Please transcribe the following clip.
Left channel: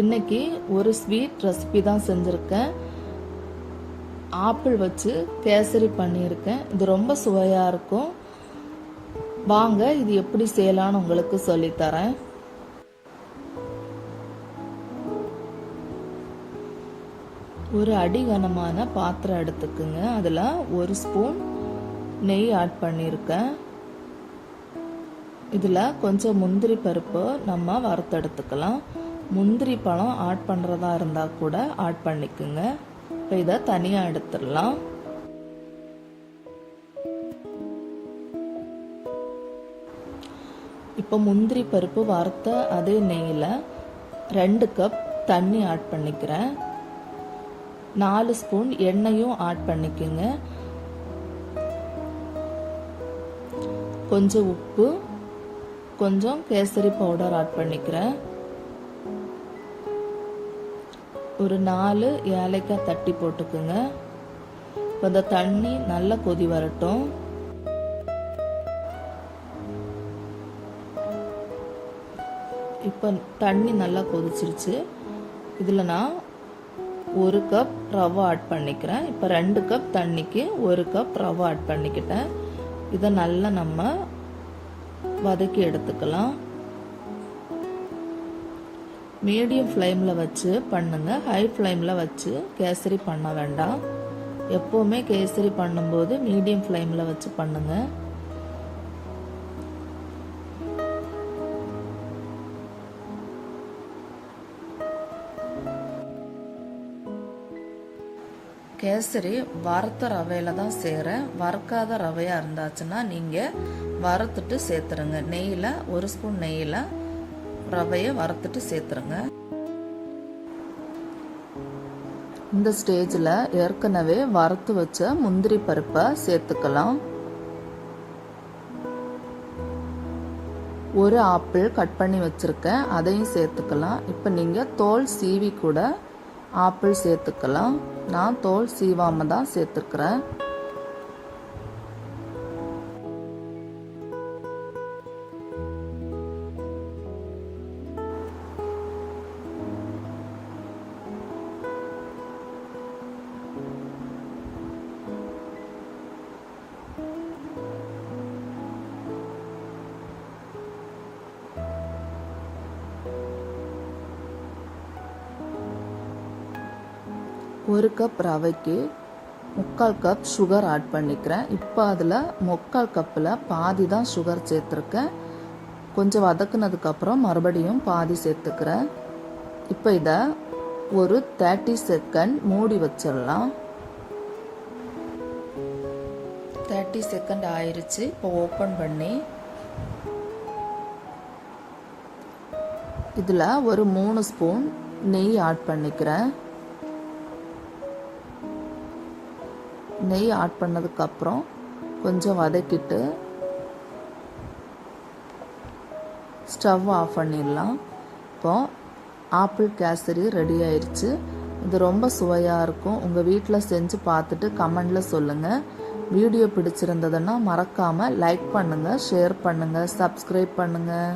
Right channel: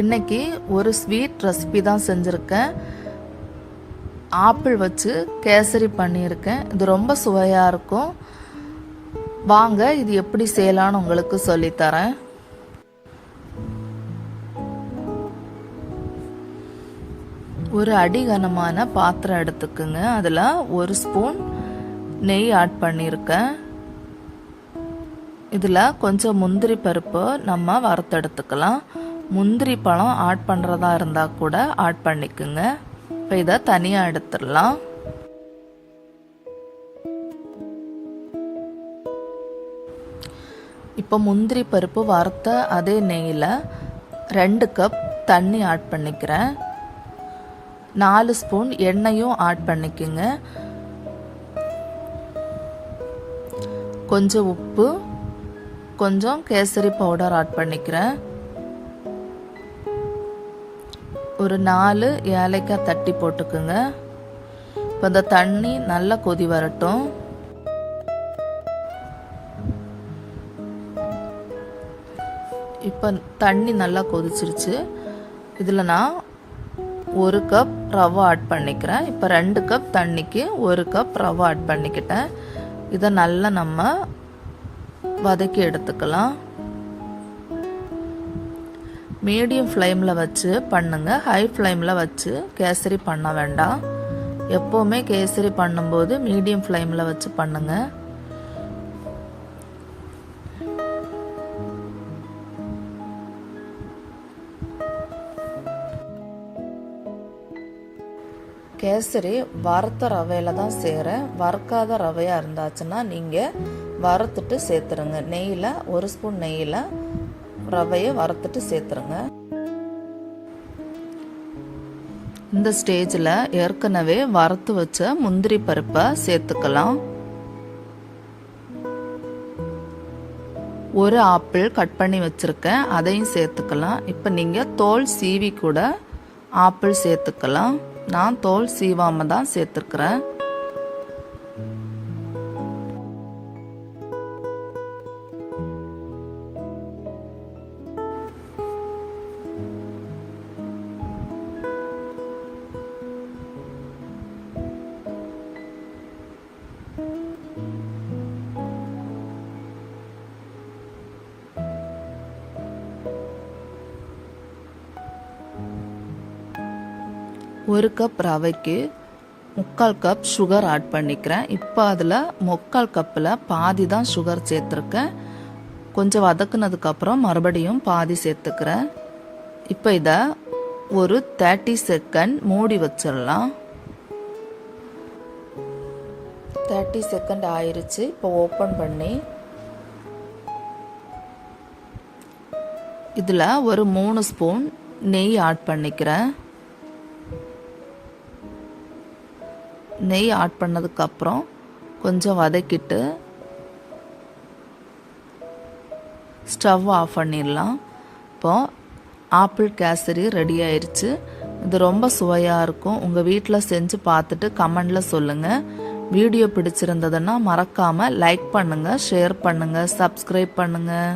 இன்னைக்கு ஒரு sweet recipe தான் செஞ்சுருக்கேன். ஆப்பிள் வச்சு கேசரி பண்ணியிருக்கேன். இது ரொம்ப சுவையாக இருக்கும். வாங்க இது எப்படி செய்யலான்னு உங்களுக்கு சொல்லித்தரேன். ஒரு அடிகனமான பாத்திரம் எடுத்துக்குங்க. அதில் ஒரு ஸ்பூன் நெய் ஆட் பண்ணியிருக்கேன். இதில் கொஞ்சம் முந்திரி பருப்பு நம்ம வறுத்தெடுத்துக்கலாம். முந்திரி பழம் ஆட் பண்ணுறதா இருந்தால் கூட ஆட் பண்ணிக்குங்க. இப்போ இதை தனியாக எடுத்துடலாம். இப்போ முந்திரி பருப்பு வறுத்த அதே நெய்யில் 2 கப் தண்ணி ஆட் பண்ணிக்கிறேன். 4 ஸ்பூன் எண்ணெயும் ஆட் பண்ணிக்குங்க. கொஞ்சம் உப்பு, கொஞ்சம் கேசரி பவுடர் ஆட் பண்ணிக்கிறேன். ஒரு 4 ஏலக்காய் தட்டி போட்டுக்குங்க. இப்போ இந்த தண்ணி நல்லா கொதி வரட்டும். இப்போ தண்ணி நல்லா கொதிச்சிருச்சு. இதில் நான் 1 கப் ரவை ஆட் பண்ணிக்கிறேன். இப்போ 2 கப் தண்ணிக்கு 1 கப் ரவை ஆட் பண்ணிக்கிட்டேன். இதை நல்லா நம்ம வதக்கி எடுத்துக்கலாம். மீடியம் ஃப்ளேமில் வச்சு பண்ணுங்க. ஹை ஃப்ளேமில் வச்சு கேசரி பண்ண வேண்டாம். எப்போவுமே கேசரி பண்ணும்போது மீடியம் ஃப்ளேமில் வச்சு பண்ணுங்க. கேசரி வறுத்த ரவையில் தான் செய்கிறேன். வறுக்காத ரவையாக இருந்தாச்சுன்னா நீங்கள் வறுத்துட்டு சேர்த்துருங்க. நெய்யில் 1 ஸ்பூன் நெய்யில் ரவையை வறுத்துட்டு சேர்த்துருங்க. இந்த ஸ்டேஜில் ஏற்கனவே வறுத்து வச்ச முந்திரி பருப்பை சேர்த்துக்கலாம். 1 ஆப்பிள் கட் பண்ணி வச்சுருக்கேன், அதையும் சேர்த்துக்கலாம். இப்போ நீங்கள் தோல் சீவி கூட ஆப்பிள் சேர்த்துக்கலாம். நான் தோல் சீவாமல் தான் சேர்த்துக்கிறேன். ஒரு கப் ரவைக்கு 3/4 கப் சுகர் ஆட் பண்ணிக்கிறேன். இப்போ அதில் 3/4 கப்பில் பாதி தான் சுகர் சேர்த்துருக்கேன். கொஞ்சம் வதக்குனதுக்கப்புறம் மறுபடியும் பாதி சேர்த்துக்கிறேன். இப்போ இதை ஒரு 30 செகண்ட் மூடி வச்சிடலாம். 30 செகண்ட் ஆயிடுச்சு. இப்போ ஓப்பன் பண்ணி இதில் ஒரு 3 ஸ்பூன் நெய் ஆட் பண்ணிக்கிறேன். நெய் ஆட் பண்ணதுக்கப்புறம் கொஞ்சம் வதக்கிட்டு ஸ்டவ் ஆஃப் பண்ணிடலாம். இப்போ ஆப்பிள் கேசரி ரெடி ஆயிடுச்சு. இது ரொம்ப சுவையாக இருக்கும். உங்கள் வீட்டில் செஞ்சு பார்த்துட்டு கமெண்டில் சொல்லுங்கள். வீடியோ பிடிச்சிருந்ததுன்னா மறக்காமல் லைக் பண்ணுங்கள், ஷேர் பண்ணுங்கள், சப்ஸ்கிரைப் பண்ணுங்கள்.